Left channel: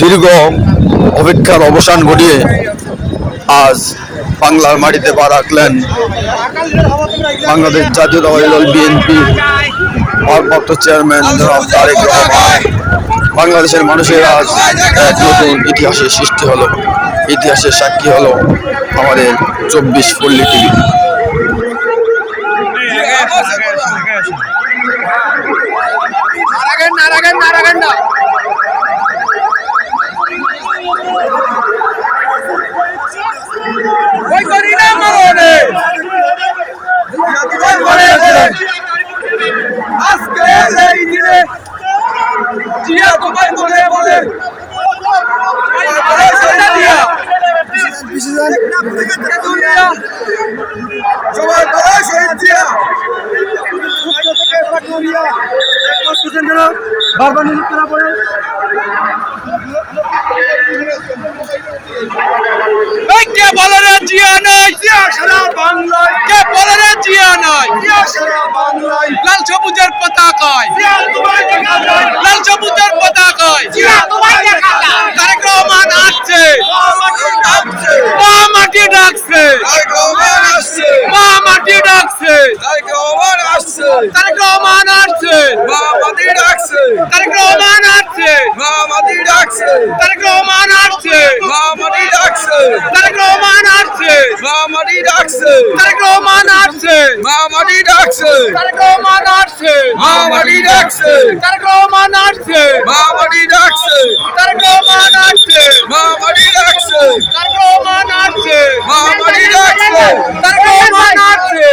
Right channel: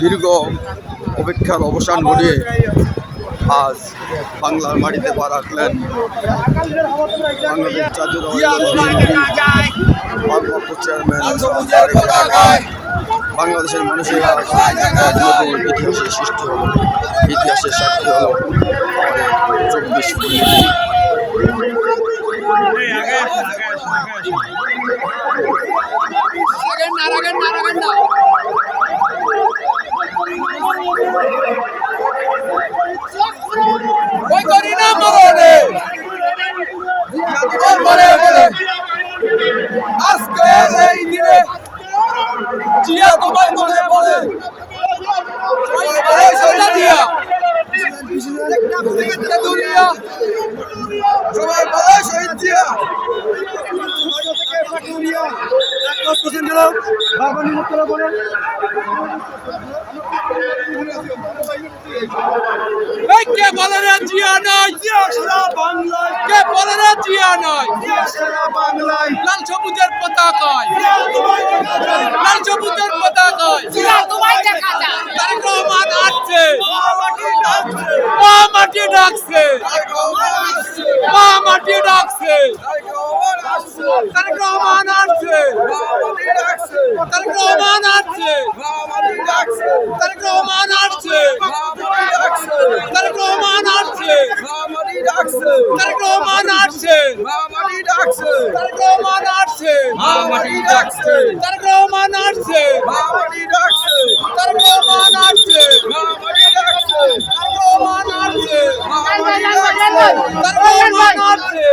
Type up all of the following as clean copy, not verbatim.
দীর্ঘ অপেক্ষার অবসান ঘটিয়ে আজ বাংলার মাটিতে পা রাখলেন বাংলাদেশ জাতীয়তাবাদী দল বিএনপি ভারপ্রাপ্ত চেয়ারম্যান জনাব তারেক রহমান। বাংলাদেশের মানুষের আজ এক নতুন ইতিহাসের সৃষ্টি হলো, ইতিহাসের সাক্ষী হলো আমাদের 24 পল্লী টিভি। আজকে এই দিনে জিয়া তোমার মনে পড়ে সবাই বলে শহীদ জিয়া বারবার নিয়োগ করা পরে কে বলে রে জিয়া নাই, জিয়া সারা বাংলায়, কে বলে রে জিয়া নাই, জিয়া সারা বাংলায়, লাল সবুজের পতাকায়, জিয়া তোমায় দেখা যায়, লাল সবুজের পতাকায়, জিয়া তোমায় দেখা যায়। তারেক রহমান আসছে, মা মাটি ডাকছে, তারেক রহমান আসছে, মা মাটি ডাকছে, তারেক রহমান আসছে, তারেক রহমান আসছে, মা মাটি ডাকছে, তারেক রহমান আসছে, মা মাটি ডাকছে, তারেক রহমান আসছে, মা মাটি ডাকছে, তারেক রহমান আসছে, মা মাটি ডাকছে, তারেক রহমান আসছে, মা মাটি ডাকছে, তারেক রহমান আসছে, মা মাটি ডাকছে, তারেক রহমান আসছে, মা মাটি ডাকছে, তারেক রহমান আসছে, মা মাটি ডাকছে, তারেক রহমান আসছে, মা মাটি ডাকছে, তারেক রহমান আসছে।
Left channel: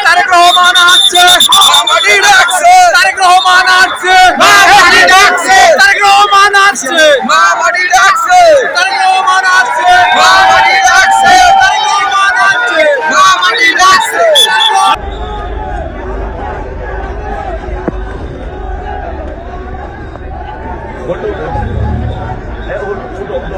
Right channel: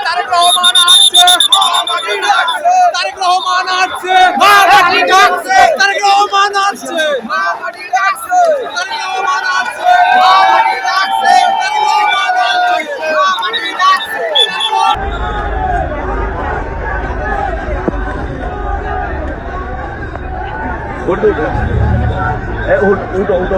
তারেক রহমান আসছে, মা মাটি ডাকছে, তারেক রহমান আসছে, মা মাটি ডাকছে, তারেক রহমান আসছে, মা মাটি ডাকছে, তারেক রহমান আসছে, মা মাটি ডাকছে, তারেক রহমান আসছে, মা মাটি ডাকছে। Udah.